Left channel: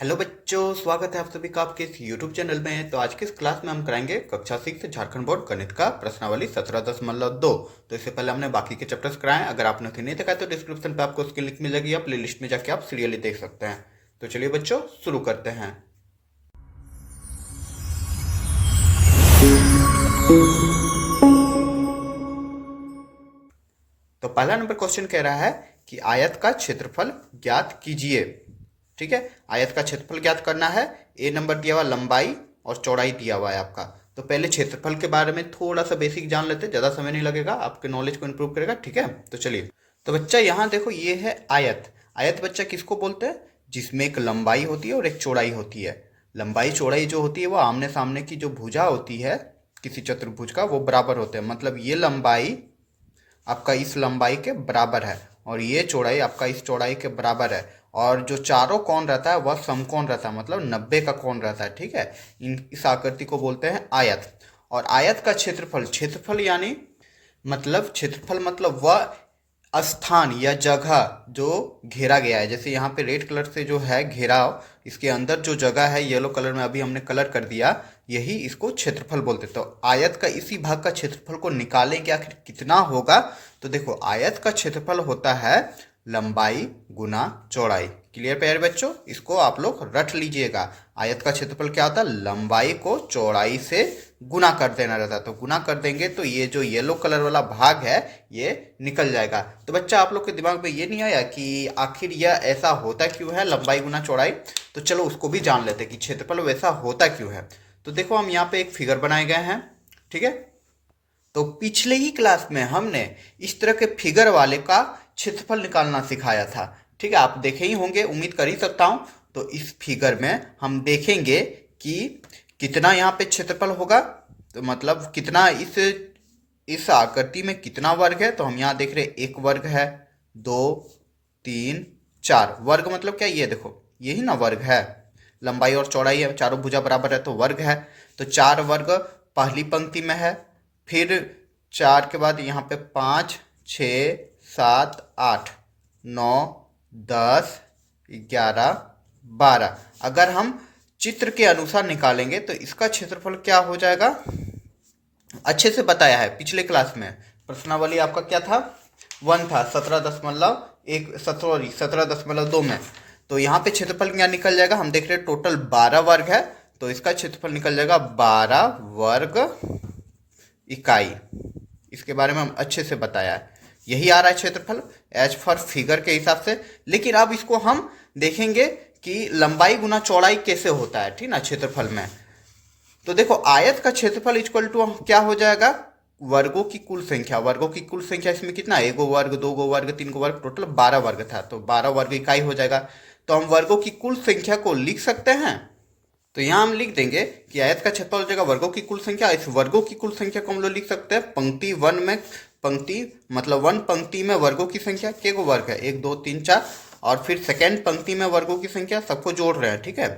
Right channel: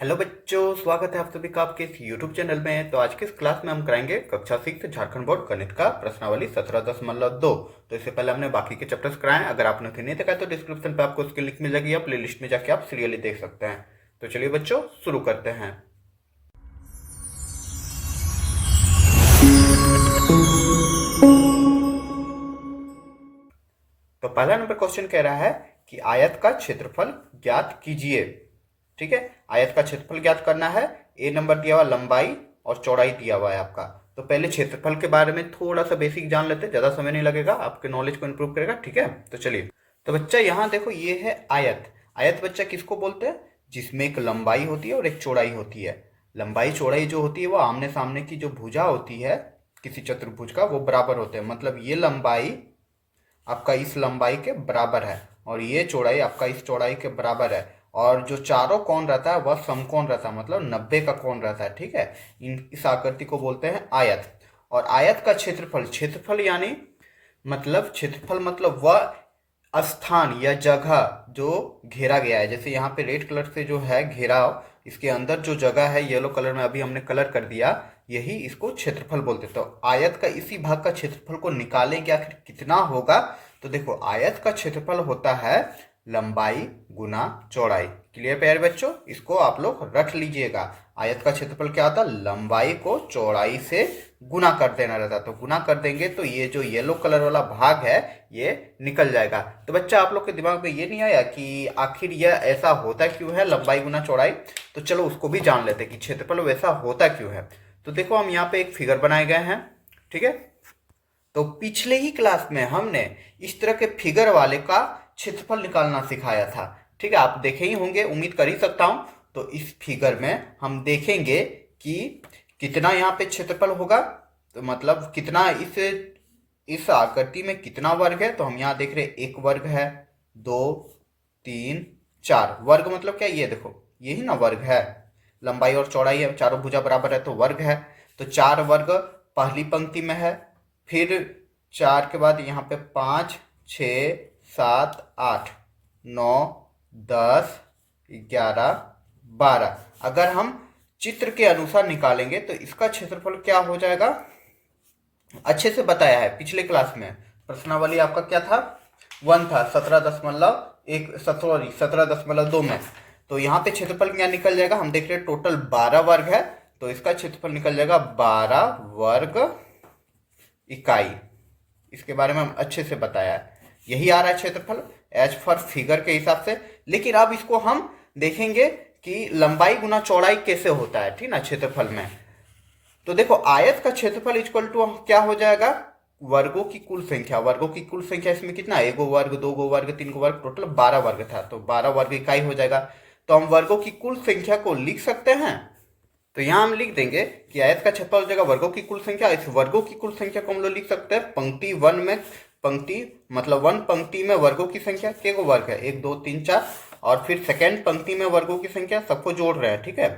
Hello बच्चों, स्वागत है आप सभी का आपके इस यूट्यूब चैनल में। तो आज की इस क्लास में हम कराएंगे कक्षा 6 झारखंड बोर्ड गणित का प्रश्नावली 17.2। तो इससे पहले हमने बाकी के चैप्टर्स कराए। अगर आपने उन्हें नहीं देखा तो डिस्क्रिप्शन पे आपको उसकी लिंक मिल जाएगी या प्ले लिस्ट में जाके आप सीरियली देख सकते हैं। तो चलिए बच्चों, शुरू करते हैं। तो पहला नंबर क्वेश्चन कह रहा है कि आयत का क्षेत्रफल ज्ञात कीजिए। ठीक है, आयत का क्षेत्रफल ज्ञात करना है। ए नंबर दिया हुआ लंबाई और चौड़ाई दिया हुआ है आपका। तो पहले क्षेत्रफल के बारे में थोड़ा सा बेसिक जान लेते हैं, ज़्यादा समय नहीं लगेगा, आपके नॉलेज को इंप्रूव करेगा। ठीक है, तो चलिए। तो बच्चा यहाँ देखो, ये है आयत। आयत बच्चा किसको बोलते हैं? जिसमें एक लंबाई होती है और एक चौड़ाई होती है। लंबाई चौड़ाई जो होती है वो आमने सामने की जो भुजा होती है किसी चतुर्भुज का, वो बराबर होते हैं। मतलब ये लंबाई आपका इस लंबाई के बराबर है और ये चौड़ाई आपका इस चौड़ाई के बराबर है। और जो चारों कोण रहता है वह समकोण रहता है, मतलब 90 का कोण रहता है। ठीक है, इस आकृति को बोलते हैं आयत। और आयत का क्षेत्रफल, क्षेत्रफल यानी मतलब क्षेत्रफल मतलब वह स्थान या जगह जो घेरा गया है। जैसे यहाँ पे रेड कलर से जो है घेराव, इसके अंदर जो जगह है येलो कलर में अभी हमने कलर कर दिया, यही इसको क्षेत्रफल बोलते हैं। तो आयत का इसी भाग का क्षेत्रफल को निकालेंगे आखिर कितना होगा। तो देखो, आयत का क्षेत्रफल होता है लंबाई गुना चौड़ाई। क्लियर प्यारे बच्चों, इसको आप लोग रट लीजिएगा। आयत का क्षेत्रफल क्या होता है? लंबाई को चौड़ाई से गुना कर देना रहता है। तो गुना कर देंगे तो ये जो येलो कलर वाला भाग है ये निकल जाएगा। तो बच्चा, आप लोग के दिमाग में ये नहीं आया कि आखिर यह ऐसा होता क्यों है, लंबाई गुना चौड़ाई? तो चलो उसको भी जान लेते हैं कि क्षेत्रफल वैसा होता क्यों है। तो देखो, हम यहाँ पे एक फिगर बनाए गए हैं। ठीक है, तो पिछले ही क्लास में हमने इस तरह के फिगर वाले का क्षेत्रफल निकालना सिखाया था। ठीक है, आप देखे ही होंगे, उम्मीद कर ही सकता हूं। तो इस फिगर में हम देखेंगे कि कितना यहाँ पे क्षेत्रफल होगा। तो मतलब कितना इस आकृति में कितना वर्ग है। तो हम यहाँ देख रहे हैं एक वर्ग है, दो, तीन, चार। वर्ग मतलब क्या? ये देखो, यही ना वर्ग है। लंबाई और चौड़ाई है, चारों भुजा बराबर है तो वर्ग है। तो चार वर्ग पहली पंक्ति में है। फिर चार के बाद यहाँ पे 5, 6, 7, 8, 9, 10, 11, 12। अगर हम चित्र के अनुसार निकालेंगे तो इसका क्षेत्रफल क्या हो जाएगा? अच्छे से बताया है पिछले क्लास में। प्रश्नावली आपका क्या था? 1 था, 17.2 में। तो यहाँ पे क्षेत्रफल क्या निकल जाएगा? हम देख रहे हैं टोटल 12 वर्ग है, तो इसका क्षेत्रफल निकल जाएगा 12 वर्ग इकाई। इसके बारे में हम अच्छे से बताया है। यही आ रहा है क्षेत्रफल एज पर फिगर के हिसाब से। लेकिन अब इसको हम देखेंगे कि लंबाई गुना चौड़ाई कैसे होता है, ठीक ना, क्षेत्रफल में। तो देखो, आयत का क्षेत्रफल इक्वल टू क्या हो जाएगा? वर्गों की कुल संख्या। वर्गों की कुल संख्या इसमें कितना? एक गो वर्ग, दो गो वर्ग, तीन गो वर्ग, टोटल 12 वर्ग था। तो 12 वर्ग इकाई हो जाएगा। तो हम वर्गों की कुल संख्या को लिख सकते हैं। तो यहाँ हम लिख देंगे कि आयत का क्षेत्रफल हो जाएगा वर्गों की कुल संख्या। इस वर्गों की कुल संख्या को हम लोग लिख सकते हैं पंक्ति 1 में। पंक्ति मतलब 1 पंक्ति में वर्गों की संख्या, के गो वर्ग है? 1, 2, 3, 4। और फिर सेकेंड पंक्ति में वर्गों की संख्या, सबको जोड़ रहे हैं। ठीक है,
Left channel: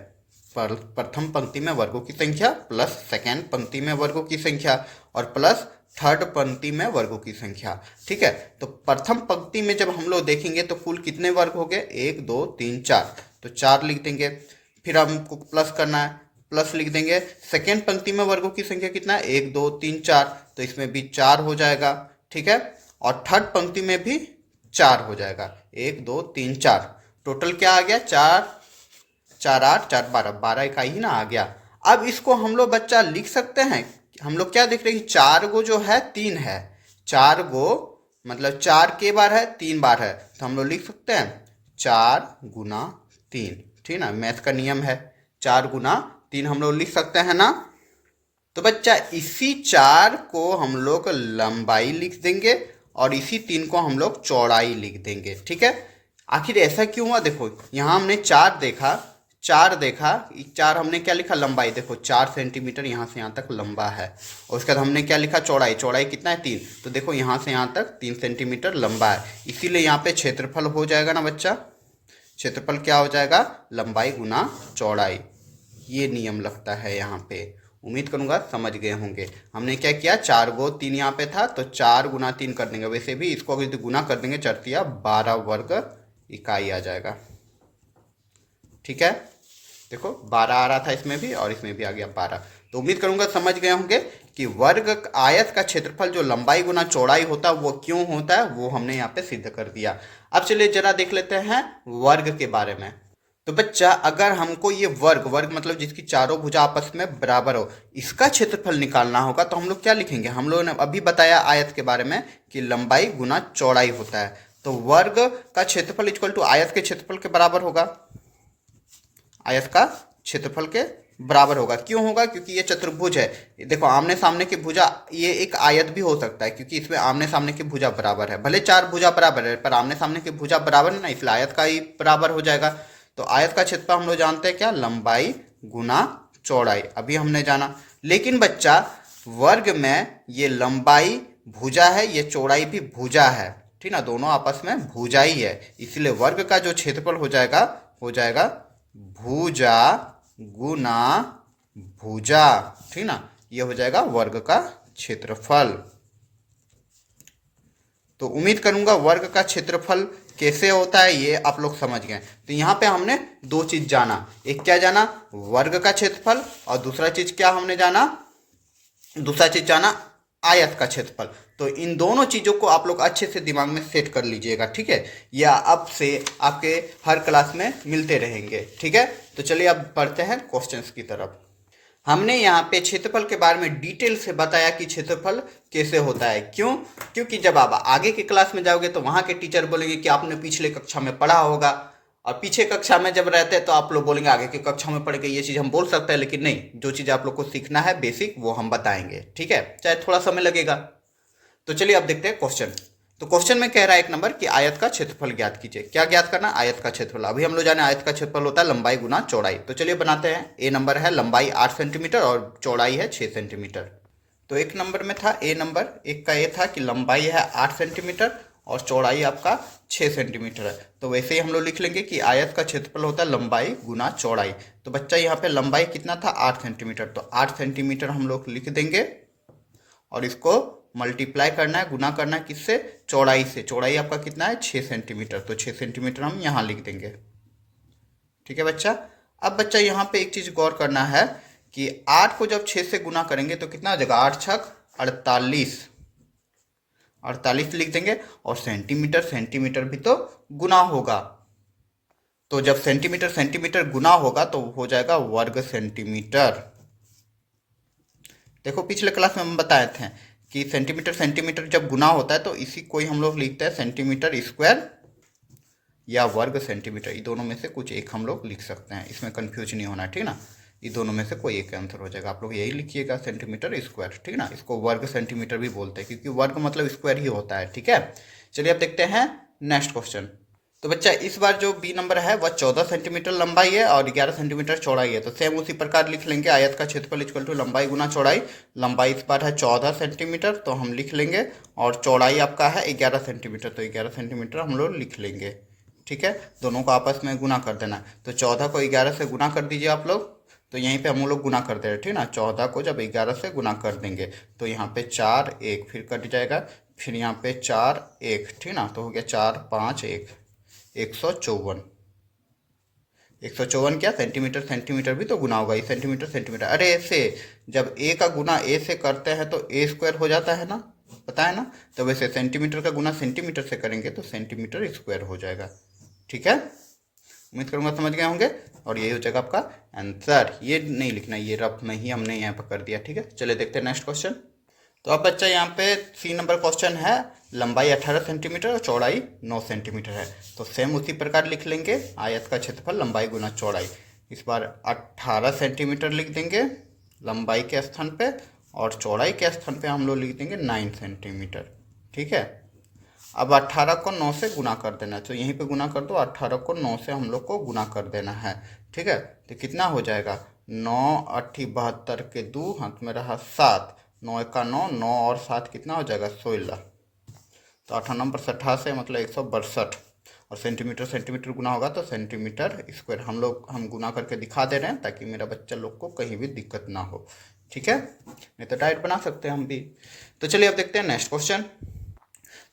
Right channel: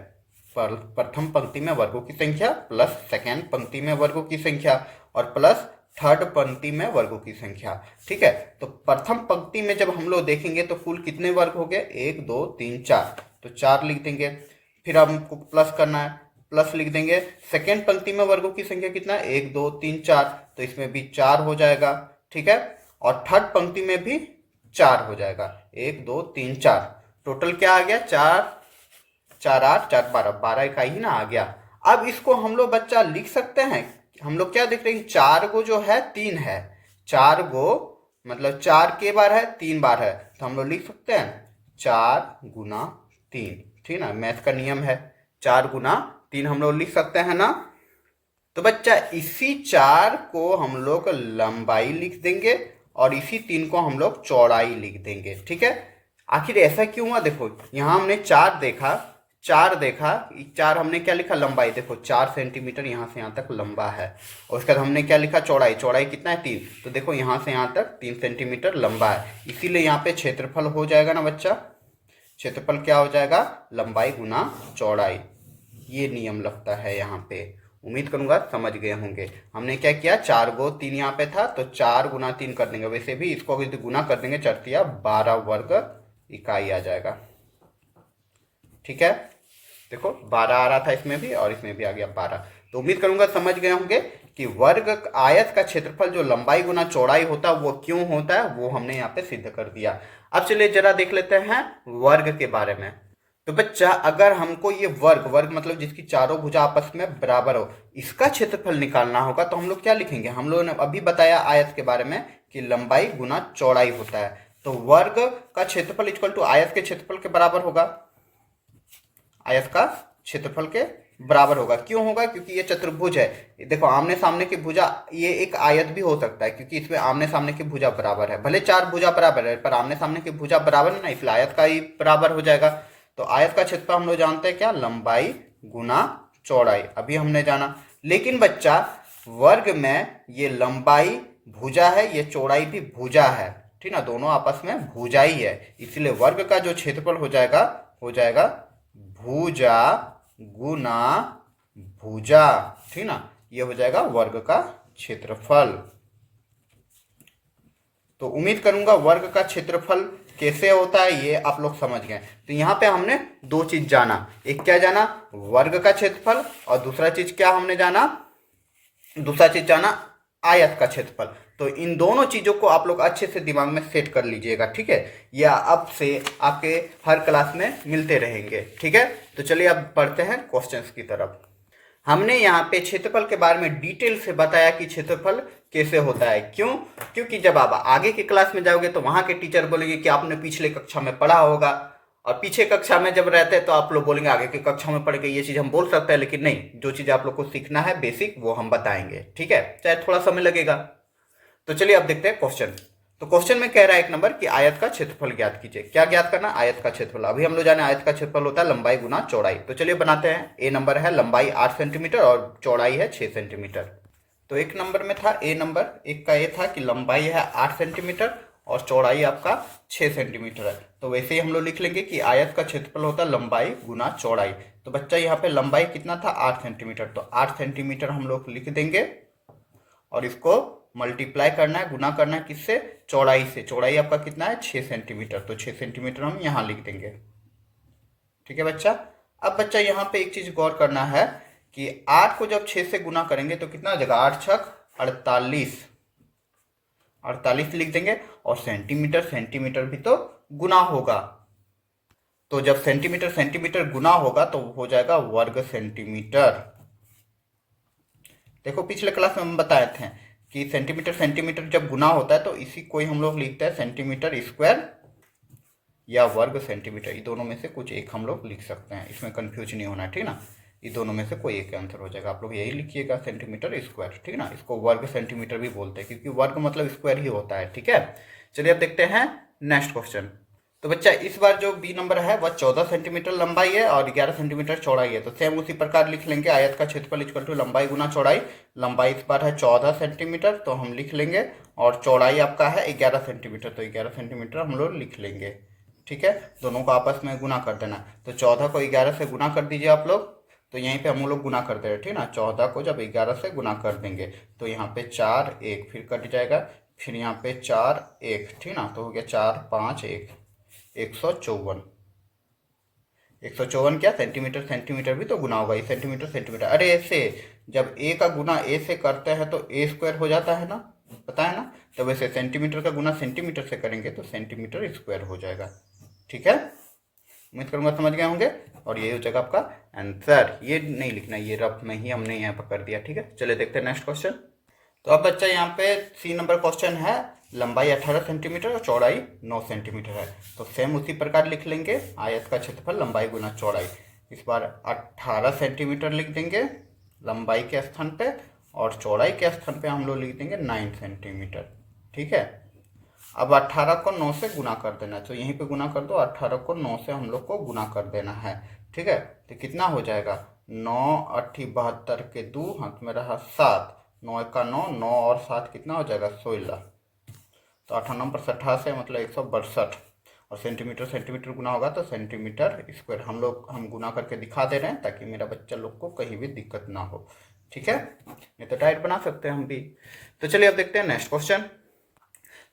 प्रथम पंक्ति में वर्गों की संख्या प्लस सेकेंड पंक्ति में वर्गों की संख्या और प्लस थर्ड पंक्ति में वर्गों की संख्या। ठीक है, तो प्रथम पंक्ति में जब हम लोग देखेंगे तो कुल कितने वर्ग हो गए? 1, 2, 3, 4। तो 4 लिख देंगे। फिर हमको प्लस करना है, प्लस लिख देंगे। सेकेंड पंक्ति में वर्गों की संख्या कितना है? 1, 2, 3, 4। तो इसमें भी 4 हो जाएगा। ठीक है, और थर्ड पंक्ति में भी 4 हो जाएगा। 1, 2, 3, 4। टोटल क्या आ गया? 4, 4, 8, 4, 12। 12 इकाई ही ना आ गया। अब इसको हम लोग बच्चा लिख सकते हैं। हम लोग क्या देख रहे हैं? 4 गो जो है 3 है। 4 गो मतलब 4 के बार है, 3 बार है। तो हम लोग लिख सकते हैं 4 गुना 3। ठीक ना, मैथ का नियम है। 4 गुना 3 हम लोग लिख सकते हैं ना। तो बच्चा, इसी 4 को हम लोग लंबाई लिख देंगे और इसी 3 को हम लोग चौड़ाई लिख देंगे। ठीक है, आखिर ऐसा क्यों हुआ? देखो, यहाँ हमने 4 देखा, 4 हमने क्या लिखा? लंबाई। देखो 4 सेंटीमीटर यहाँ से यहाँ तक लंबा है। और उसके बाद हमने क्या लिखा? चौड़ाई। चौड़ाई कितना है? 3। तो देखो यहाँ से यहाँ तक 3 सेंटीमीटर लंबा है। इसीलिए यहाँ पे क्षेत्रफल हो जाएगा ना बच्चा। क्षेत्रफल क्या हो जाएगा? लंबाई गुना चौड़ाई। ये नियम लगता है यहाँ पे। उम्मीद करूंगा समझ गए होंगे। हमने क्या किया? 4 गो 3 यहाँ पे था तो 4 गुना 3 कर देंगे। वैसे भी इसको यदि गुना कर देंगे, चरतिया 12 वर्ग इकाई आ जाएगा। ठीक है, देखो 12 आ रहा था इसमें भी और इसमें भी आ गया 12। तो उम्मीद करूंगा समझ गए होंगे कि वर्ग आयत का क्षेत्रफल जो लंबाई गुना चौड़ाई होता है वो क्यों होता है, वो हमने यहाँ पे सिद्ध कर दिया। अब चलिए जरा देख लेते हैं वर्ग के बारे में। तो बच्चा अगर हमको ये वर्ग वर्ग मतलब जिसकी चारों भुजा आपस में बराबर हो, इसका क्षेत्रफल निकालना होगा तो हम लोग क्या लिखेंगे। हम लोगों ने अभी बताया आयत के बारे में कि लंबाई गुना चौड़ाई होता है, तो वर्ग का क्षेत्रफल इक्वल टू आयत के क्षेत्रफल के बराबर होगा। आयत का क्षेत्रफल के बराबर होगा। क्यों होगा? क्योंकि ये चतुर्भुज है। देखो आमने सामने की भुजा, ये एक आयत भी हो सकता है क्योंकि इसमें आमने सामने की भुजा बराबर है। भले चार भुजा बराबर है पर आमने सामने की भुजा बराबर है ना, इसलिए आयत का ही बराबर हो जाएगा। तो आयत का क्षेत्रफल हम लोग जानते हैं क्या, लंबाई गुना चौड़ाई, अभी हमने जाना। लेकिन बच्चा वर्ग में ये लंबाई भुजा है, ये चौड़ाई भी भुजा है, ठीक ना, दोनों आपस में भुजा ही है। इसलिए वर्ग का जो क्षेत्रफल हो जाएगा भुजा गुना भुजा, ठीक ना, ये हो जाएगा वर्ग का क्षेत्रफल। तो उम्मीद करूंगा वर्ग का क्षेत्रफल कैसे होता है ये आप लोग समझ गए। तो यहाँ पे हमने दो चीज जाना, एक क्या जाना, वर्ग का क्षेत्रफल, और दूसरा चीज क्या हमने जाना, दूसरा चीज जाना आयत का क्षेत्रफल। तो इन दोनों चीजों को आप लोग अच्छे से दिमाग में सेट कर लीजिएगा, ठीक है, या अब से आपके हर क्लास में मिलते रहेंगे, ठीक है। तो चलिए अब पढ़ते हैं क्वेश्चंस की तरफ। हमने यहाँ पे क्षेत्रफल के बारे में डिटेल से बताया कि क्षेत्रफल कैसे होता है। क्यों? क्योंकि जब आप आगे की क्लास में जाओगे तो वहां के टीचर बोलेंगे कि आपने पिछले कक्षा में पढ़ा होगा, और पीछे कक्षा में जब रहते हैं तो आप लोग बोलेंगे आगे की कक्षा में पढ़ के ये चीज़ हम बोल सकते हैं, लेकिन नहीं, जो चीज़ आप लोग को सीखना है बेसिक वो हम बताएंगे, ठीक है, चाहे थोड़ा समय लगेगा। तो चलिए अब देखते हैं क्वेश्चन। तो क्वेश्चन में कह रहा है एक नंबर कि आयत का क्षेत्रफल ज्ञात कीजिए। क्या ज्ञात करना? आयत का क्षेत्रफल। अभी हम लोग जाने आयत का क्षेत्रफल होता है लंबाई गुना चौड़ाई। तो चलिए बनाते हैं। ए नंबर है लंबाई 8 सेंटीमीटर और चौड़ाई है 6 सेंटीमीटर। तो एक नंबर में था ए नंबर, एक का ये था कि लंबाई है 8 सेंटीमीटर और चौड़ाई आपका 6 सेंटीमीटर है। तो वैसे ही हम लोग लिख लेंगे कि आयत का क्षेत्रफल होता है लंबाई गुना चौड़ाई। तो बच्चा यहाँ पे लंबाई कितना था? 8 सेंटीमीटर। तो 8 सेंटीमीटर हम लोग लिख देंगे और इसको मल्टीप्लाई करना है, गुना करना है किससे? चौड़ाई से। चौड़ाई आपका कितना है? 6 सेंटीमीटर। तो 6 सेंटीमीटर हम यहाँ लिख देंगे, ठीक है बच्चा। अब बच्चा यहाँ पे एक चीज गौर करना है कि 8 को जब 6 से गुना करेंगे तो कितना हो जाएगा? 8 छक 48, 48 लिख देंगे। और सेंटीमीटर सेंटीमीटर भी तो गुना होगा, तो जब सेंटीमीटर सेंटीमीटर गुना होगा तो हो जाएगा वर्ग सेंटीमीटर। देखो पिछले क्लास में हम बताए थे कि सेंटीमीटर सेंटीमीटर जब गुना होता है तो इसी को ही हम लोग लिखते हैं सेंटीमीटर स्क्वायर या वर्ग सेंटीमीटर। ये दोनों में से कुछ एक हम लोग लिख सकते हैं, इसमें कंफ्यूज नहीं होना, ठीक ना। ये दोनों में से कोई एक आंसर हो जाएगा। आप लोग यही लिखिएगा सेंटीमीटर स्क्वायर, ठीक ना। इसको वर्ग सेंटीमीटर भी बोलते हैं क्योंकि वर्ग मतलब स्क्वायर ही होता है, ठीक है। चलिए अब देखते हैं नेक्स्ट क्वेश्चन। तो बच्चा इस बार जो बी नंबर है वह 14 सेंटीमीटर लंबाई है और 11 सेंटीमीटर चौड़ाई है। तो सेम उसी प्रकार लिख लेंगे आयत का क्षेत्रफल इक्वल टू लंबाई गुना चौड़ाई। लंबाई इस बार है 14 सेंटीमीटर तो हम लिख लेंगे, और चौड़ाई आपका है 11 सेंटीमीटर। तो 11 सेंटीमीटर हम लोग लिख लेंगे, ठीक है। दोनों को आपस में गुना कर देना। तो 14 को 11 से गुना कर दीजिए आप लोग। तो यहीं पे हम लोग गुना कर दे रहे, ठीक ना। 14 को जब 11 से गुना कर देंगे तो यहाँ पे 4 1 फिर कट जाएगा, फिर यहाँ पे 4 1, ठीक ना। तो हो गया 4 5 1, 154। 154 क्या? सेंटीमीटर सेंटीमीटर भी तो गुना होगा, ये सेंटीमीटर सेंटीमीटर। अरे ऐसे जब ए का गुना ए से करते हैं तो ए स्क्वायर हो जाता है ना, पता है ना। तो वैसे सेंटीमीटर का गुना सेंटीमीटर से करेंगे तो सेंटीमीटर स्क्वायर हो जाएगा, ठीक है। उम्मीद करूंगा समझ गए होंगे, और यही हो जाएगा आपका आंसर। ये नहीं लिखना, ये रफ में ही हमने यहाँ पर कर दिया, ठीक है। चलिए देखते हैं नेक्स्ट क्वेश्चन। तो अब बच्चा यहाँ पे सी नंबर क्वेश्चन है लंबाई 18 सेंटीमीटर और चौड़ाई 9 सेंटीमीटर है। तो सेम उसी प्रकार लिख लेंगे आयत का क्षेत्रफल लंबाई गुना चौड़ाई। इस बार 18 सेंटीमीटर लिख देंगे लंबाई के स्थान पे, और चौड़ाई के स्थान पे हम लोग लिख देंगे 9 सेंटीमीटर, ठीक है। अब 18 को 9 से गुना कर देना है, तो यहीं पे गुना कर दो। 18 को 9 से हम लोग को गुना कर देना है, ठीक है। तो कितना हो जाएगा? 9 8 72 के 2 हाथ में रहा 7, 9 1 9, 9 और 7 कितना हो जाएगा? 16। तो 8 नंबर 88 मतलब 162। और सेंटीमीटर सेंटीमीटर गुना होगा तो सेंटीमीटर स्क्वायर। हम गुना करके दिखा दे रहे हैं ताकि मेरा बच्चा लोग को कहीं भी दिक्कत ना हो, ठीक है। नहीं तो डायरेक्ट बना सकते हैं हम भी। तो चलिए अब देखते हैं नेक्स्ट क्वेश्चन।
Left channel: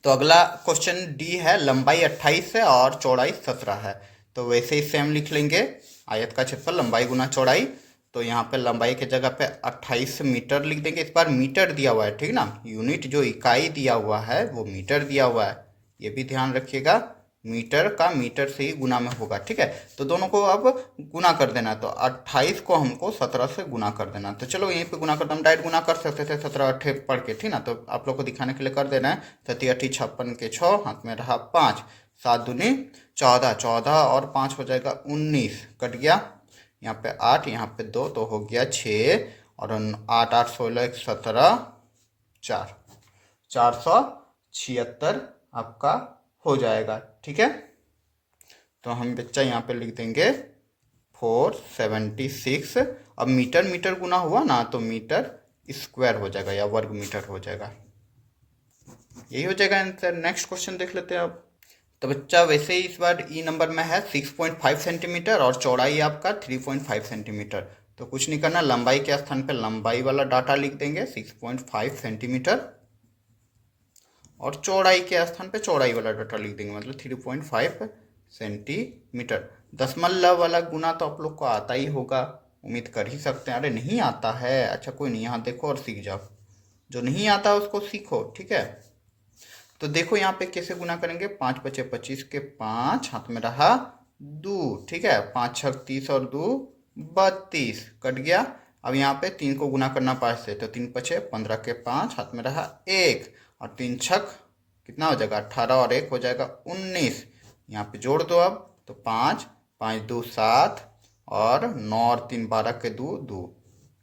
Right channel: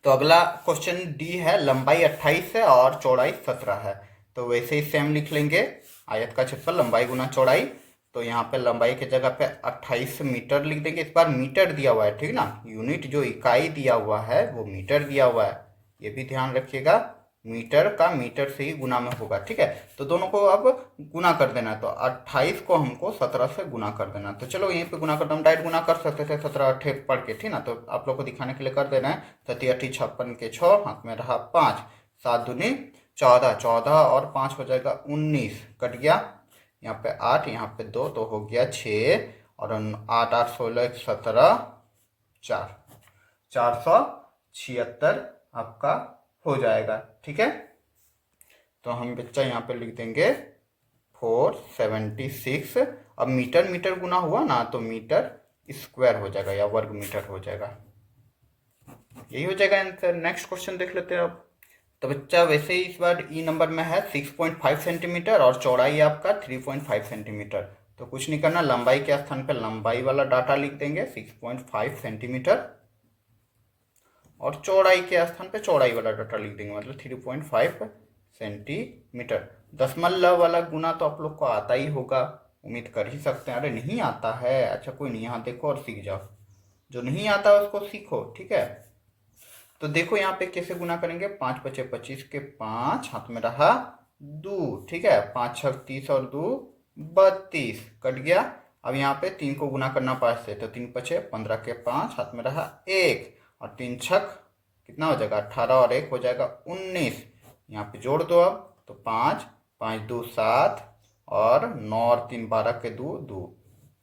तो अगला क्वेश्चन डी है लंबाई 28 है और चौड़ाई 17 है। तो वैसे ही सेम लिख लेंगे आयत का क्षेत्रफल लंबाई गुना चौड़ाई, तो यहाँ पे लंबाई के जगह पे 28 मीटर लिख देंगे। इस बार मीटर दिया हुआ है, ठीक ना, यूनिट जो इकाई दिया हुआ है वो मीटर दिया हुआ है, ये भी ध्यान रखिएगा। मीटर का मीटर से ही गुना में होगा, ठीक है। तो दोनों को अब गुना कर देना, तो 28 को हमको 17 से गुना कर देना। तो चलो यहीं पे गुना करते, हम डायरेक्ट गुना कर सकते थे 17 अट्ठे पढ़ के, ठीक ना। तो आप लोग को दिखाने के लिए कर देना है। 37 56 के 6, हाथ में रहा 5, 7 दूनी 14, 14 और 5 हो जाएगा 19, कट गया। यहाँ पे 8, यहाँ पे 2, तो हो गया 6, और 8 8 16 17 4, 476 आपका हो जाएगा, ठीक है। तो हम बच्चा यहाँ पे लिख देंगे 476। अब मीटर मीटर गुना हुआ ना, तो मीटर स्क्वायर हो जाएगा या वर्ग मीटर हो जाएगा, यही हो जाएगा आंसर। नेक्स्ट क्वेश्चन देख लेते हैं अब। तो बच्चा वैसे ही इस बार ई नंबर में है 6.5 सेंटीमीटर और चौड़ाई आपका 3.5 सेंटीमीटर। तो कुछ नहीं करना, लंबाई के स्थान पे लंबाई वाला डाटा लिख देंगे 6.5 सेंटीमीटर, और चौड़ाई के स्थान पे चौड़ाई वाला डाटा लिख देंगे, मतलब 3.5 सेंटीमीटर। दशमलव वाला गुना तो आप लोग को आता ही होगा, उम्मीद कर ही सकते हैं। अरे नहीं आता है, अच्छा कोई नहीं, यहाँ देखो और सीख जाओ, जो नहीं आता है उसको सीखो, ठीक है। तो देखो यहाँ पे कैसे गुना करेंगे, 5 बचे 25 के 5, हाथ में रहा 2, ठीक है, 5 6 30 और 2 32, कट गया। अब यहाँ पे 3 को गुना करना 5 से, तो 3 बचे 15 के 5, हाथ में रहा 1, और 3 छक कितना हो जाएगा 18, और 1 हो जाएगा 19। यहाँ पे जोड़ दो अब, तो 5 5 2 7, और 9 और 3 12 के 2 2,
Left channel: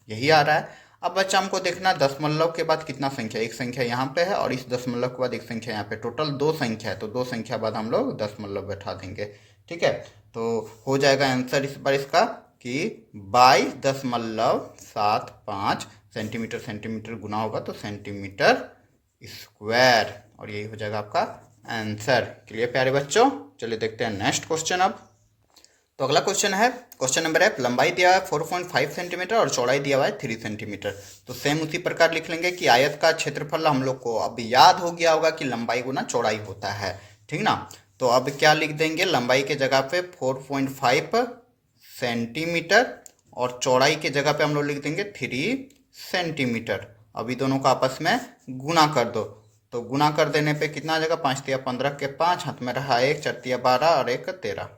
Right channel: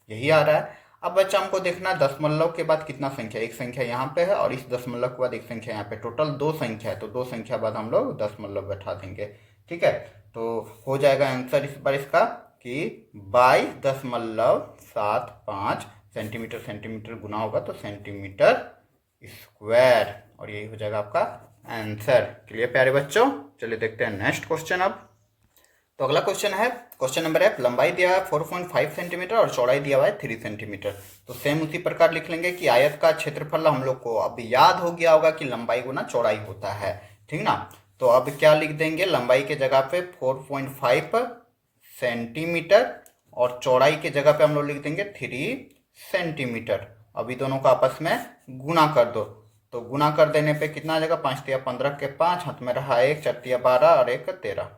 यही आ रहा है। अब बच्चा हमको देखना दशमलव के बाद कितना संख्या, एक संख्या यहाँ पे है और इस दशमलव के बाद एक संख्या यहाँ पे, टोटल 2 संख्या है, तो 2 संख्या बाद हम लोग दशमलव बैठा देंगे, ठीक है। तो हो जाएगा आंसर इस बार इसका कि 22.75 सेंटीमीटर, सेंटीमीटर गुना होगा तो सेंटीमीटर स्क्वायर, और यही हो जाएगा आपका आंसर। क्लियर प्यारे बच्चों, चलिए देखते हैं नेक्स्ट क्वेश्चन अब। तो अगला क्वेश्चन है, क्वेश्चन नंबर 1, लंबाई दिया है 4.5 सेंटीमीटर और चौड़ाई दिया हुआ है 3 सेंटीमीटर। तो सेम उसी प्रकार लिख लेंगे कि आयत का क्षेत्रफल हम लोग को अब याद हो गया होगा कि लंबाई गुना चौड़ाई होता है, ठीक ना। तो अब क्या लिख देंगे, लंबाई के जगह पे 4.5 सेंटीमीटर और चौड़ाई के जगह पे हम लोग लिख देंगे 3 सेंटीमीटर। अभी दोनों को आपस में गुना कर दो, तो गुना कर देने पे कितना आ जाएगा, 5 तिया 15 के 5, हाथ में रहा 1, 4 तिया 12 और 1 13,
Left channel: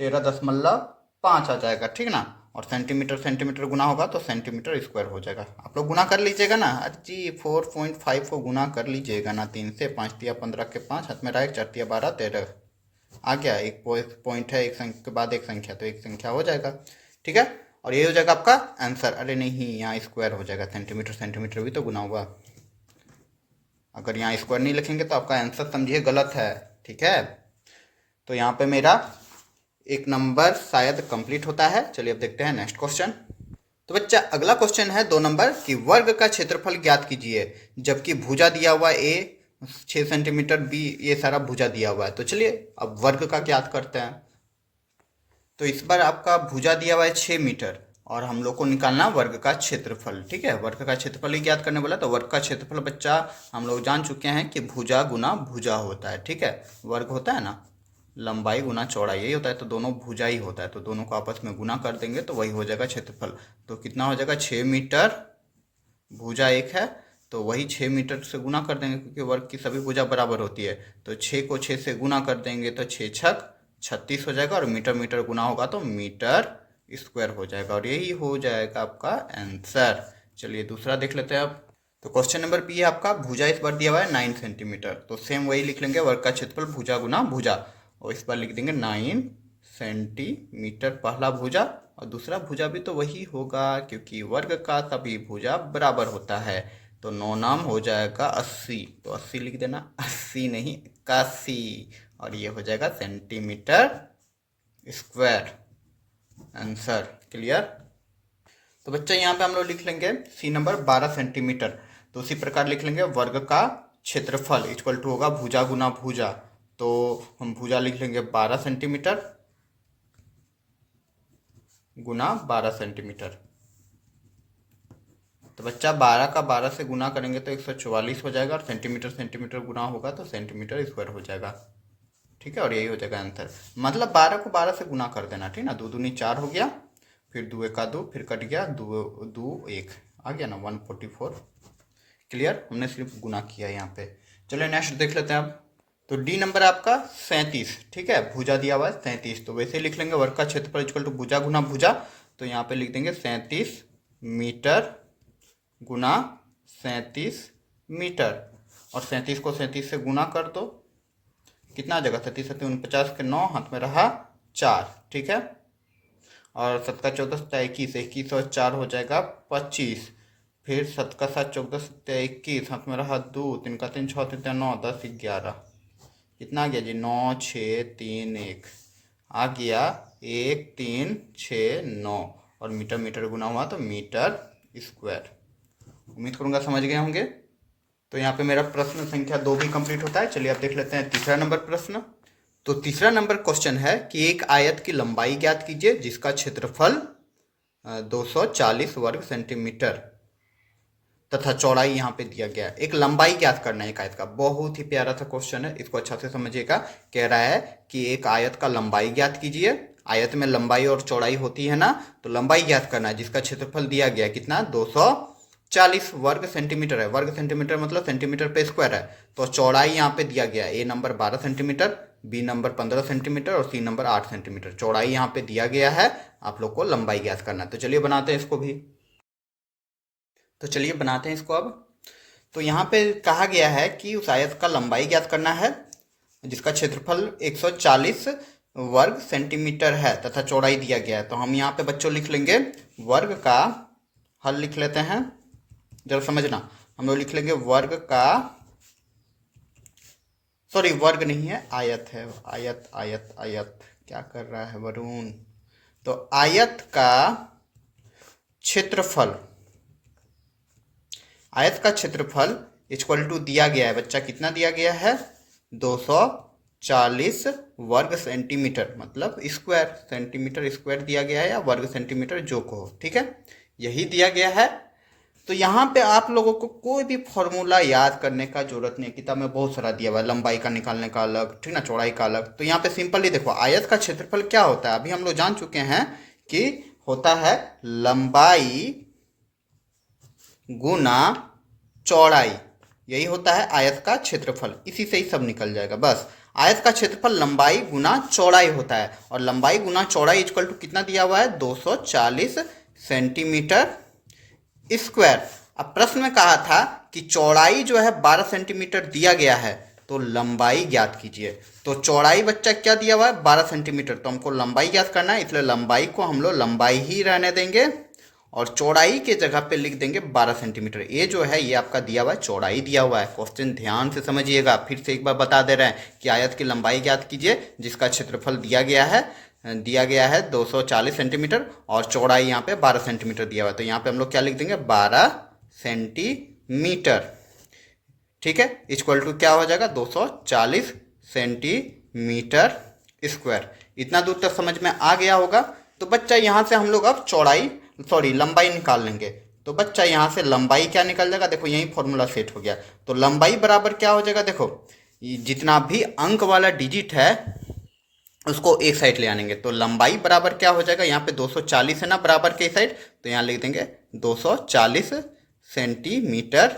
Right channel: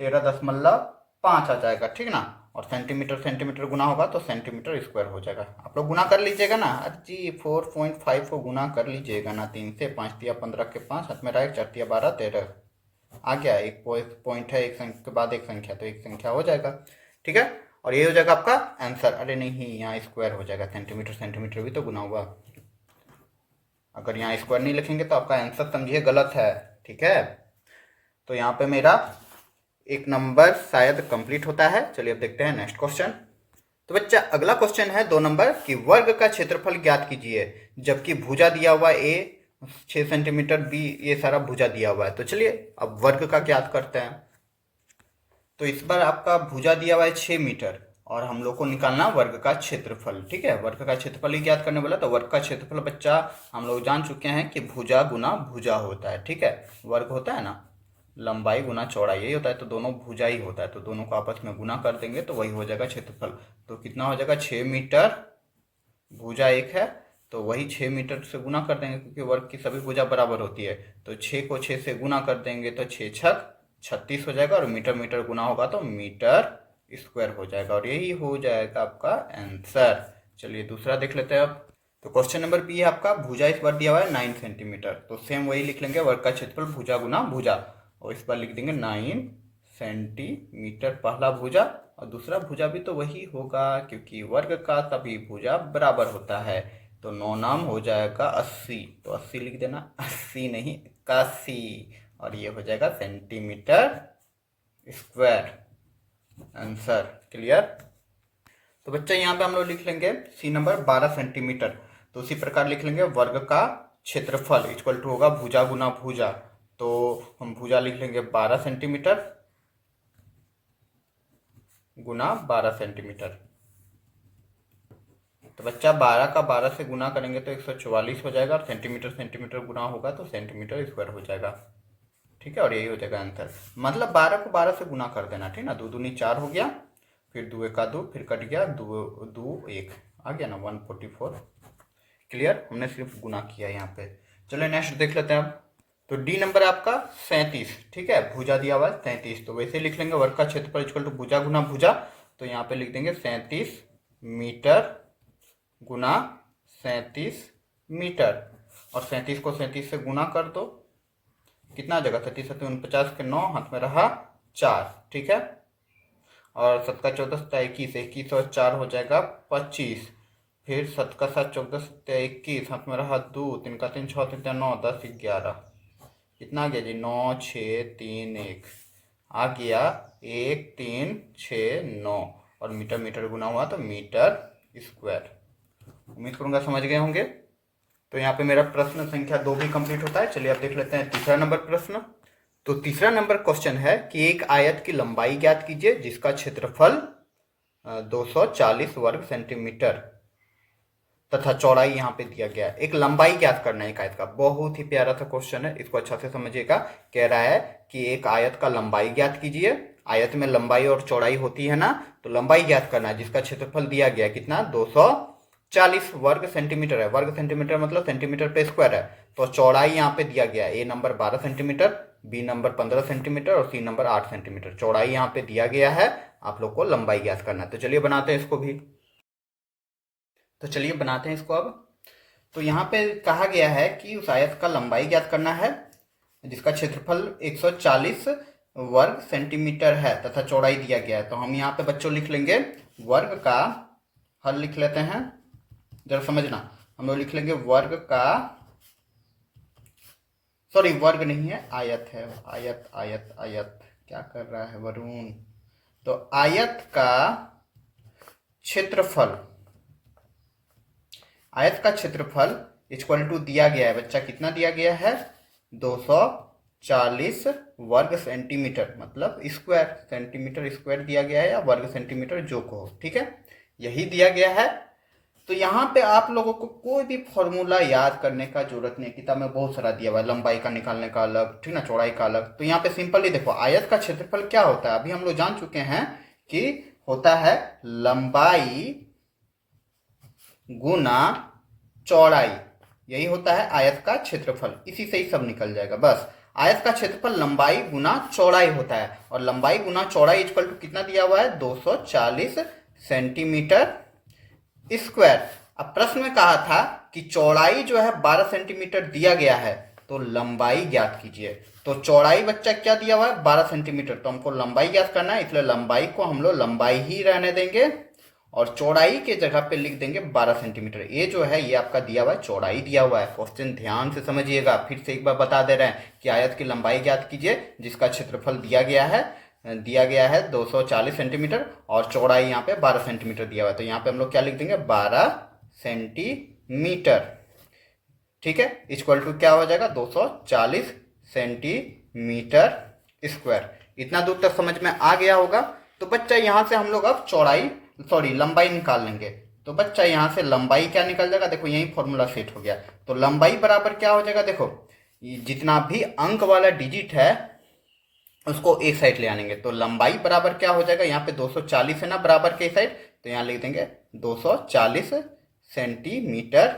13.5 आ जाएगा, ठीक ना। और सेंटीमीटर सेंटीमीटर गुना होगा तो सेंटीमीटर स्क्वायर हो जाएगा। आप लोग गुना कर लीजिएगा ना, अरे जी 4.5 को गुना कर लीजिएगा ना 3 से, 5 तिया 15 के 5, हाथ में रहा 1, 4 तिया 12 13, आ गया। एक पॉइंट है, एक संख्या के बाद एक संख्या, तो एक संख्या हो जाएगा, ठीक है। और ये हो जाएगा आपका आंसर। अरे नहीं, यहाँ स्क्वायर हो जाएगा, सेंटीमीटर सेंटीमीटर भी तो गुना हुआ, अगर यहाँ स्क्वायर नहीं लिखेंगे तो आपका आंसर समझिए गलत है, ठीक है। तो यहाँ पे मेरा एक नंबर शायद कंप्लीट होता है। चलिए अब देखते हैं नेक्स्ट क्वेश्चन। तो बच्चा अगला क्वेश्चन है 2 नंबर कि वर्ग का क्षेत्रफल ज्ञात कीजिए, जबकि भुजा दिया हुआ ए 6 सेंटीमीटर, बी, ये सारा भुजा दिया हुआ है। तो चलिए अब वर्ग का ज्ञात करते हैं। तो इस बार आपका भुजा दिया हुआ है 6 मीटर और हम लोग को निकालना वर्ग का क्षेत्रफल, ठीक है। वर्ग का क्षेत्रफल ही ज्ञात करने वाला, तो वर्ग का क्षेत्रफल बच्चा हम लोग जान चुके हैं कि भुजा गुना भुजा होता है, ठीक है। वर्ग होता है ना, लंबाई गुना चौड़ाई, यही होता है, तो दोनों भुजा ही होता है, तो दोनों को आपस में गुना कर देंगे तो वही हो जाएगा क्षेत्रफल। तो कितना हो जाएगा, 6 मीटर, भुजा एक है तो वही 6 मीटर से गुना कर देंगे, क्योंकि वर्ग की सभी भुजा बराबर होती है। तो 6 को 6 से गुना कर देंगे तो 6 छक 36 हो जाएगा, और मीटर मीटर गुना होगा तो मीटर स्क्वायर हो जाएगा, और यही हो जाएगा आपका आंसर। चलिए दूसरा देख लेते हैं अब। तो क्वेश्चन नंबर बी है आपका, भुजा इस बार दिया हुआ है 9 सेंटीमीटर, तो सेम वही लिख लेंगे, वर्ग का क्षेत्रफल भुजा गुना भुजा, और इस बार लिख देंगे 9 सेंटीमीटर पहला भुजा, और दूसरा भुजा भी तो वही होगा क्योंकि वर्ग का सभी भुजा बराबर होता है। तो 9 नाम हो जाएगा 80, तो 80 लिख देना, 80 नहीं 81, और ये हो जाएगा सेंटीमीटर स्क्वायर, आंसर। क्लियर। तो बच्चा यहाँ पे हम लोग लिख लेंगे सी नंबर 12 सेंटीमीटर। तो उसी प्रकार लिख लेंगे वर्ग का क्षेत्रफल इक्वल टू होगा भुजा गुना भुजा, तो हम भुजा लिख लेंगे 12 सेंटीमीटर गुना 12 सेंटीमीटर। तो बच्चा 12 का 12 से गुना करेंगे तो 144 हो जाएगा, और सेंटीमीटर सेंटीमीटर गुना होगा तो सेंटीमीटर स्क्वायर हो जाएगा। ठीक है, और यही हो जाएगा आंसर। मतलब 12 को 12 से गुना कर देना, ठीक ना, 2 दूनी 4 हो गया, फिर 2 एका 2, फिर कट गया 2 2 1 आ गया ना 144। क्लियर, हमने सिर्फ गुना किया यहाँ पे। चलिए नेक्स्ट देख लेते हैं अब। तो डी नंबर आपका 37, ठीक है, भुजा दिया हुआ है 37, तो वैसे ही लिख लेंगे वर्ग का क्षेत्रफल इक्वल टू भुजा गुना भुजा, तो यहाँ पे लिख देंगे 37 मीटर गुना 37 मीटर, और 37 को 37 से गुना कर दो, कितना आ जाएगा, 37 7 49 के 9, हाथ में रहा 4, ठीक है, और 7 का 14 7 21, 21 और 4 हो जाएगा 25, फिर 7 का 7 14 7 21, हाथ में रहा 2, 3 का 3 6 3 9 10 11, कितना आ गया जी, 9 6 3 1 आ गया 1 3 6 9, और मीटर मीटर गुना हुआ तो मीटर स्क्वायर। उम्मीद करूंगा समझ गए होंगे। तो यहाँ पे मेरा प्रश्न संख्या 2 भी कंप्लीट होता है। चलिए आप देख लेते हैं तीसरा नंबर प्रश्न। तो तीसरा नंबर क्वेश्चन है कि एक आयत की लंबाई ज्ञात कीजिए जिसका क्षेत्रफल 240 वर्ग सेंटीमीटर तथा चौड़ाई यहाँ पे दिया गया है। एक लंबाई ज्ञात करना है एक आयत का। बहुत ही प्यारा सा क्वेश्चन है, इसको अच्छा से समझिएगा। कह रहा है कि एक आयत का लंबाई ज्ञात कीजिए। आयत में लंबाई और चौड़ाई होती है ना, तो लंबाई ज्ञात करना है जिसका क्षेत्रफल दिया गया कितना, 240 वर्ग सेंटीमीटर है। वर्ग सेंटीमीटर मतलब सेंटीमीटर पे स्क्वायर है। तो चौड़ाई यहाँ पे दिया गया है, A number 12 centimetre, B number 15 centimetre और सी नंबर 8 सेंटीमीटर। चौड़ाई यहाँ पे दिया गया है, आप लोग को लंबाई ज्ञात करना है। तो चलिए बनाते हैं इसको भी। तो चलिए बनाते हैं इसको अब। तो यहाँ पे कहा गया है कि उस आयत का लंबाई ज्ञात करना है जिसका क्षेत्रफल 140 वर्ग सेंटीमीटर है तथा चौड़ाई दिया गया है। तो हम यहाँ पे बच्चों लिख लेंगे वर्ग का हल लिख लेते हैं, जरा समझना। हम लोग लिख लेंगे वर्ग का, सॉरी वर्ग नहीं है, आयत है, आयत आयत आयत, क्या कर रहा है वरुण। तो आयत का क्षेत्रफल, आयत का क्षेत्रफल इक्वल टू दिया गया है बच्चा, कितना दिया गया है, 240 वर्ग सेंटीमीटर, मतलब स्क्वायर, सेंटीमीटर स्क्वायर दिया गया है या वर्ग सेंटीमीटर जो को, ठीक है, यही दिया गया है। तो यहाँ पे आप लोगों को कोई भी फॉर्मूला याद करने का जरूरत नहीं, किताब में बहुत सारा दिया हुआ है, लंबाई का निकालने का अलग, ठीक ना, चौड़ाई का अलग। तो यहाँ पे सिंपली देखो आयत का क्षेत्रफल क्या होता है, अभी हम लोग जान चुके हैं कि होता है लंबाई गुना चौड़ाई, यही होता है आयत का क्षेत्रफल। इसी से ही सब निकल जाएगा बस। आयत का क्षेत्रफल लंबाई गुना चौड़ाई होता है, और लंबाई गुना चौड़ाई इक्वल टू कितना दिया हुआ है, 240 सेंटीमीटर स्क्वायर। अब प्रश्न में कहा था कि चौड़ाई जो है 12 सेंटीमीटर दिया गया है, तो लंबाई ज्ञात कीजिए। तो चौड़ाई बच्चा क्या दिया हुआ है, 12 सेंटीमीटर, तो हमको लंबाई ज्ञात करना है, इसलिए लंबाई को हम लोग लंबाई ही रहने देंगे और चौड़ाई के जगह पे लिख देंगे 12 सेंटीमीटर। ये जो है ये आपका दिया हुआ है, चौड़ाई दिया हुआ है। क्वेश्चन ध्यान से समझिएगा, फिर से एक बार बता दे रहे हैं कि आयत की लंबाई ज्ञात कीजिए जिसका क्षेत्रफल दिया गया है 240 सेंटीमीटर और चौड़ाई यहाँ पे 12 सेंटीमीटर दिया हुआ है। तो यहाँ पे हम लोग क्या लिख देंगे, 12 सेंटीमीटर, ठीक है, इक्वल टू क्या हो जाएगा, 240 सेंटीमीटर स्क्वायर। इतना दूर तक समझ में आ गया होगा। तो बच्चा यहाँ से हम लोग अब लंबाई निकाल लेंगे। तो बच्चा यहाँ से लंबाई क्या निकल जाएगा, देखो यही फॉर्मूला सेट हो गया। तो लंबाई बराबर क्या हो जाएगा, देखो जितना भी अंक वाला डिजिट है उसको एक साइड ले आनेंगे। तो लंबाई बराबर क्या हो जाएगा, यहाँ पे 240 है ना बराबर के साइड, तो यहाँ लिख देंगे 240 सेंटीमीटर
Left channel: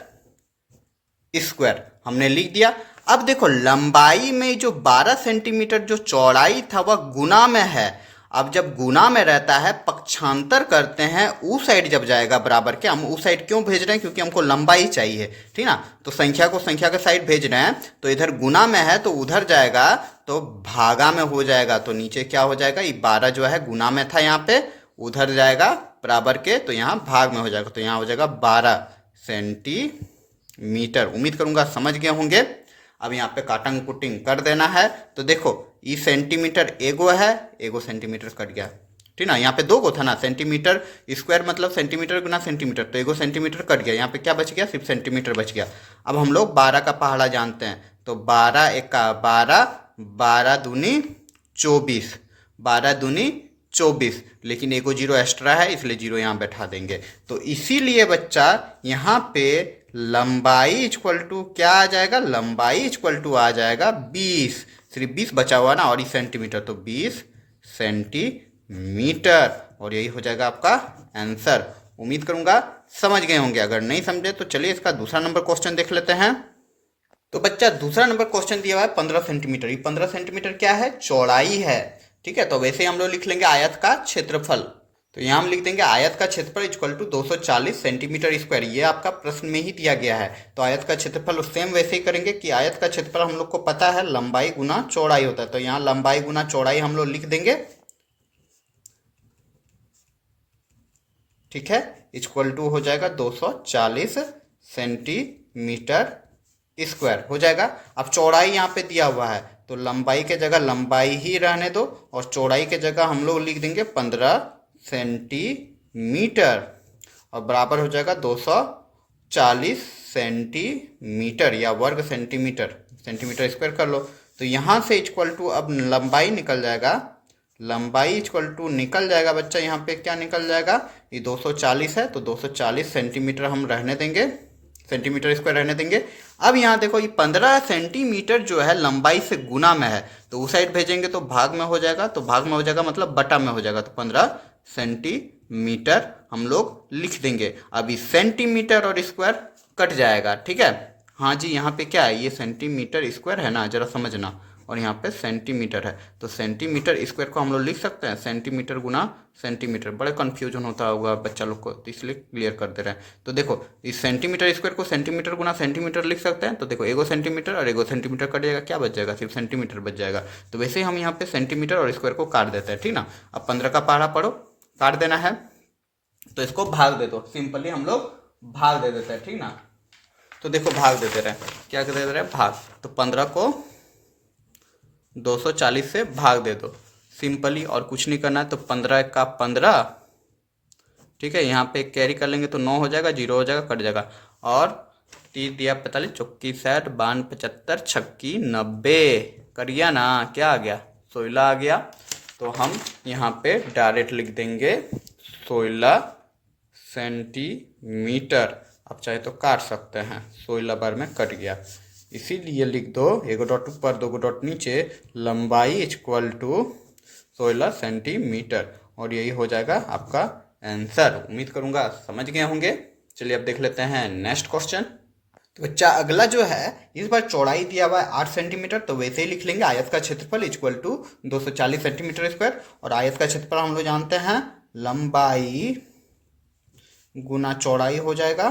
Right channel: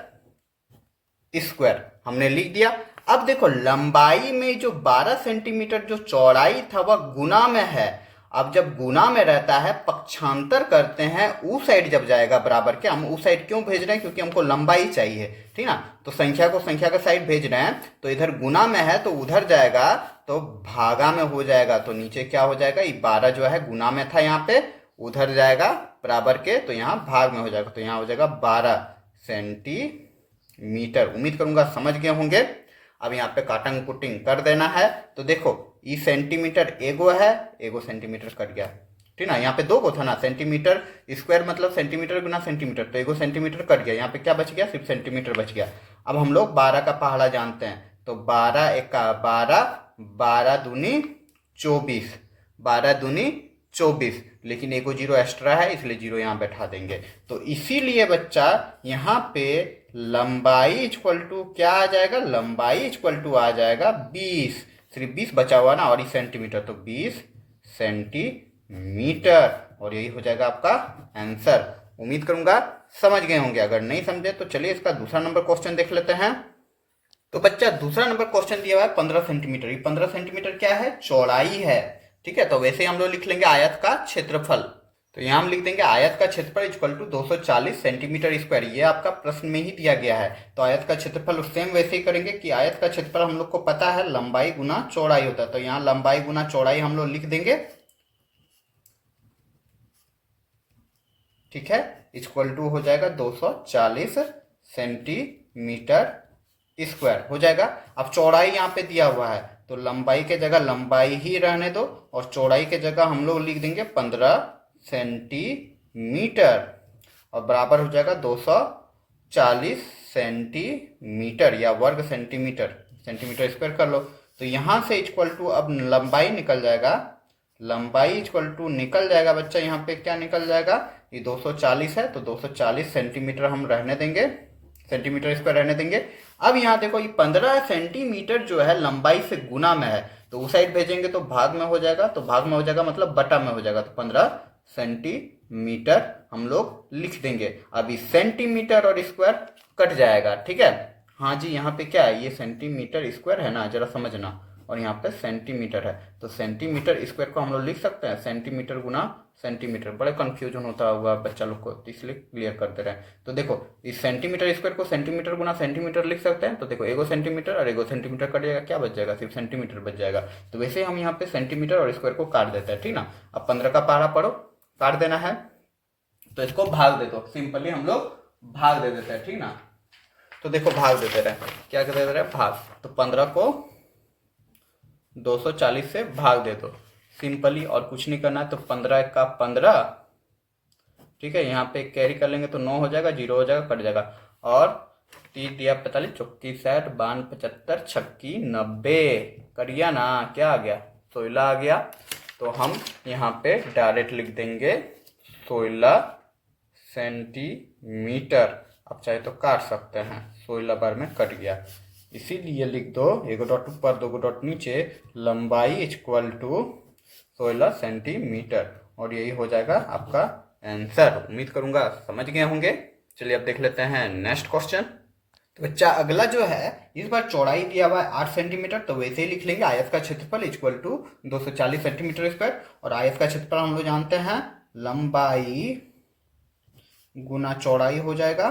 स्क्वायर, हमने लिख दिया। अब देखो लंबाई में जो 12 सेंटीमीटर जो चौड़ाई था वह गुना में है। अब जब गुना में रहता है, पक्षांतर करते हैं, उस साइड जब जाएगा बराबर के, हम उस साइड क्यों भेज रहे हैं, क्योंकि हमको लंबाई चाहिए, ठीक ना। तो संख्या को संख्या के साइड भेज रहे हैं, तो इधर गुना में है तो उधर जाएगा तो भागा में हो जाएगा। तो नीचे क्या हो जाएगा, ये 12 जो है गुना में था यहाँ पे, उधर जाएगा बराबर के, तो यहाँ भाग में हो जाएगा। तो यहाँ हो जाएगा 12 सेंटीमीटर। उम्मीद करूंगा समझ गए होंगे। अब यहाँ पे काटंग कुटिंग कर देना है। तो देखो ये सेंटीमीटर एगो है, एगो सेंटीमीटर कट गया, ठीक ना। यहाँ पे दो गो था ना, सेंटीमीटर स्क्वायर मतलब सेंटीमीटर गुना सेंटीमीटर, तो एगो सेंटीमीटर कट गया। यहाँ पे क्या बच गया, सिर्फ सेंटीमीटर बच गया। अब हम लोग 12 का पहाड़ा जानते हैं, तो 12 एका 12, 12 दूनी 24, 12 दूनी 24, लेकिन एगो जीरो एक्स्ट्रा है इसलिए जीरो यहाँ बैठा देंगे। तो इसीलिए बच्चा यहाँ पे लंबाई इक्वल टू क्या आ जाएगा, लंबाई इक्वल टू आ जाएगा 20, सिर्फ 20 बचा हुआ ना, और ये सेंटीमीटर, तो 20 सेंटीमीटर, और यही हो जाएगा आपका आंसर। उम्मीद करूंगा समझ गए होंगे। अगर नहीं समझे तो चलिए इसका दूसरा नंबर क्वेश्चन देख लेते हैं। तो बच्चा दूसरा नंबर क्वेश्चन दिया हुआ है 15 सेंटीमीटर। ये 15 सेंटीमीटर क्या है? चौड़ाई है। ठीक है, तो वैसे हम लोग लिख लेंगे आयत का क्षेत्रफल। तो यहाँ हम लिख देंगे आयत का क्षेत्रफल इक्वल टू 240 सेंटीमीटर स्क्वायर। ये आपका प्रश्न में ही दिया गया है। तो आयत का क्षेत्रफल सेम वैसे ही करेंगे कि आयत का क्षेत्रफल हम लोग को पता है लंबाई गुना चौड़ाई होता है, तो यहाँ लंबाई गुना चौड़ाई हम लोग लिख देंगे। ठीक है, इक्वल टू हो जाएगा 240 सेंटीमीटर स्क्वायर हो जाएगा। अब चौड़ाई यहाँ पे दिया हुआ है, तो लंबाई के जगह लंबाई ही रहने दो और चौड़ाई के जगह हम लोग लिख देंगे 15 सेंटीमीटर, और बराबर हो जाएगा 240 सेंटीमीटर या वर्ग सेंटीमीटर, सेंटीमीटर स्क्वायर कर लो। तो यहाँ से इक्वल टू अब लंबाई निकल जाएगा, लंबाई इक्वल टू निकल जाएगा बच्चा, यहाँ पे क्या निकल जाएगा? ये 240 है, तो 240 सेंटीमीटर हम रहने देंगे, सेंटीमीटर स्क्वायर रहने देंगे। अब यहाँ देखो ये 15 सेंटीमीटर जो है लंबाई से गुना में है, तो उस साइड भेजेंगे तो भाग में हो जाएगा, तो भाग में हो जाएगा मतलब बटा में हो जाएगा, तो 15 सेंटीमीटर हम लोग लिख देंगे। अभी सेंटीमीटर और स्क्वायर कट जाएगा। ठीक है, हाँ जी, यहाँ पे क्या है? ये सेंटीमीटर स्क्वायर है ना, जरा समझना, और यहाँ पे सेंटीमीटर है, तो सेंटीमीटर स्क्वायर को हम लोग लिख सकते हैं सेंटीमीटर गुना सेंटीमीटर। बड़े कंफ्यूजन होता होगा बच्चा लोग को, तो इसलिए क्लियर कर दे रहे हैं। तो देखो इस सेंटीमीटर स्क्वायर को सेंटीमीटर गुना सेंटीमीटर लिख सकते हैं। तो देखो एगो सेंटीमीटर और एगो सेंटीमीटर कटेगा, क्या बच जाएगा? सिर्फ सेंटीमीटर बच जाएगा। तो वैसे ही हम यहाँ पे सेंटीमीटर और स्क्वायर को काट देते हैं। ठीक ना, अब 15 का पहाड़ा पढ़ो, काट देना है, तो इसको भाग दे दो। सिंपली हम लोग भाग दे देते हैं। ठीक ना, तो देखो भाग देते रहे, क्या कर दे रहे हैं? भाग। तो 15 को 240 से भाग दे दो सिंपली, और कुछ नहीं करना है। तो 15 का 15, ठीक है, यहाँ पे कैरी कर लेंगे तो 9 हो जाएगा, 0 हो जाएगा, कट जाएगा, और 3 दिया 45, चौकी 60, 52 75, छक्की 90, करिया ना, क्या आ गया? 16 आ गया। तो हम यहाँ पे डायरेक्ट लिख देंगे 16 सेंटीमीटर। अब चाहे तो काट सकते हैं, 16 बार में कट गया, इसीलिए लिख दो एगो डॉट ऊपर दो डॉट नीचे, लंबाई इक्वल टू 16 सेंटीमीटर, और यही हो जाएगा आपका आंसर। उम्मीद करूंगा समझ गए होंगे। चलिए अब देख लेते हैं नेक्स्ट क्वेश्चन। तो बच्चा अगला जो है, इस बार चौड़ाई दिया हुआ है 8 सेंटीमीटर, तो वैसे ही लिख लेंगे आयत का क्षेत्रफल इक्वल टू 240 सेंटीमीटर स्क्वायर, और आयत का क्षेत्रफल हम लोग जानते हैं लंबाई गुना चौड़ाई हो जाएगा।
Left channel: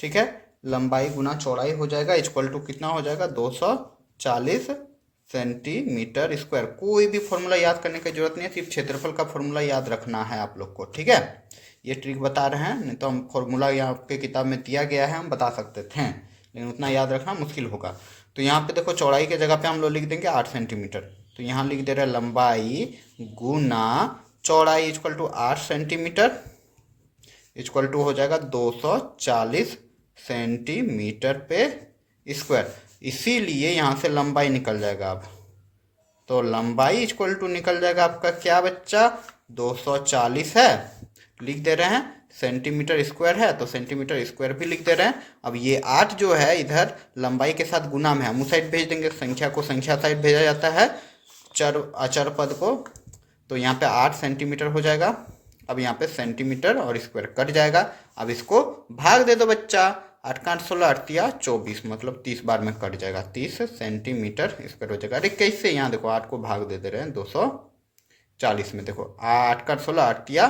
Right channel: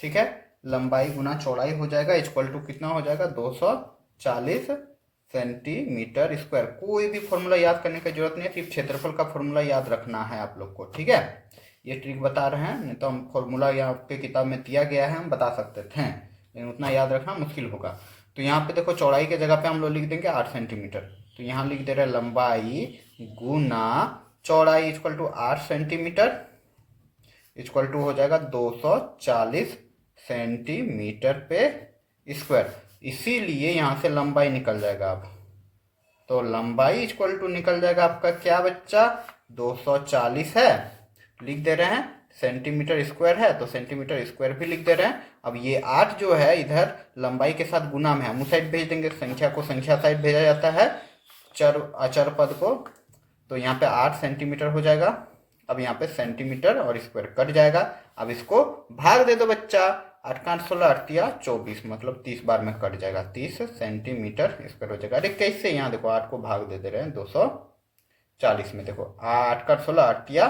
ठीक है, लंबाई गुना चौड़ाई हो जाएगा, इक्वल टू कितना हो जाएगा? 240 सेंटीमीटर स्क्वायर। कोई भी फॉर्मूला याद करने की जरूरत नहीं है, सिर्फ क्षेत्रफल का फॉर्मूला याद रखना है आप लोग को। ठीक है, ये ट्रिक बता रहे हैं, नहीं तो हम फॉर्मूला यहाँ आपके किताब में दिया गया है, हम बता सकते थे, लेकिन उतना याद रखना मुश्किल होगा। तो यहाँ पे देखो चौड़ाई के जगह पे हम लोग लिख देंगे 8 सेंटीमीटर, तो यहाँ लिख दे रहे हैं लंबाई गुना चौड़ाई equal to 8 centimetre, equal to हो जाएगा 240 सेंटीमीटर पे स्क्वायर। इसीलिए यहाँ से लंबाई निकल जाएगा। अब तो लंबाई इक्वल टू निकल जाएगा आपका क्या बच्चा? 240 है, लिख दे रहे हैं, सेंटीमीटर स्क्वायर है तो सेंटीमीटर स्क्वायर भी लिख दे रहे हैं। अब ये 8 जो है इधर लंबाई के साथ गुना में है, हम उस साइड भेज देंगे, संख्या को संख्या साइड भेजा जाता है, चर अचर पद को, तो यहाँ पे 8 सेंटीमीटर हो जाएगा। अब यहाँ पे सेंटीमीटर और स्क्वायर कट जाएगा। अब इसको भाग दे दो बच्चा, 8 का 8 16, 8 या 24, मतलब 30 बार में कट जाएगा, 30 सेंटीमीटर स्क्वायर हो जाएगा। अरे कैसे? यहाँ देखो 8 को भाग दे रहे हैं 240 में, देखो 8 का 16, 8 या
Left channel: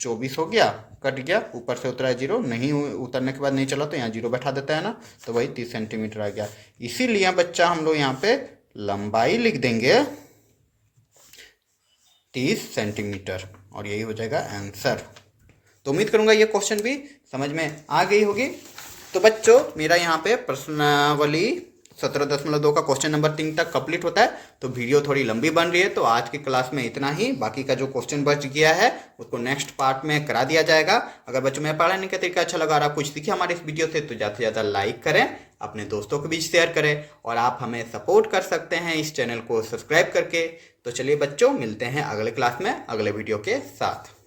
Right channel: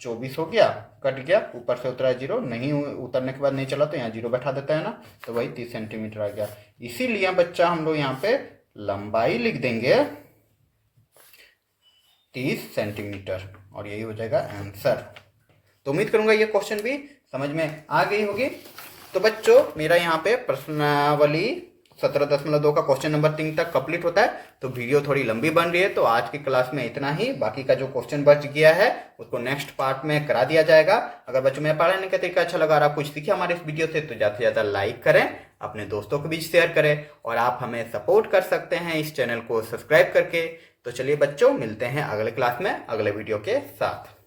24 हो गया, कट गया, ऊपर से उतरा 0, नहीं उतरने के बाद नहीं चला तो यहाँ 0 बैठा देते हैं ना, तो वही 30 सेंटीमीटर आ गया। इसीलिए बच्चा हम लोग यहाँ पे लंबाई लिख देंगे 30 सेंटीमीटर, और यही हो जाएगा आंसर। तो उम्मीद करूंगा ये क्वेश्चन भी समझ में आ गई होगी। तो बच्चों मेरा यहाँ पे प्रश्नावली 17.2 का क्वेश्चन नंबर 3 तक कंप्लीट होता है। तो वीडियो थोड़ी लंबी बन रही है, तो आज की क्लास में इतना ही। बाकी का जो क्वेश्चन बच गया है उसको नेक्स्ट पार्ट में करा दिया जाएगा। अगर बच्चों में पढ़ाने का तरीका अच्छा लगा, आप कुछ सीखे हमारे इस वीडियो से, तो ज़्यादा से ज़्यादा लाइक करें, अपने दोस्तों को भी शेयर करें, और आप हमें सपोर्ट कर सकते हैं इस चैनल को सब्सक्राइब करके। तो चलिए बच्चों, मिलते हैं अगले क्लास में अगले वीडियो के साथ।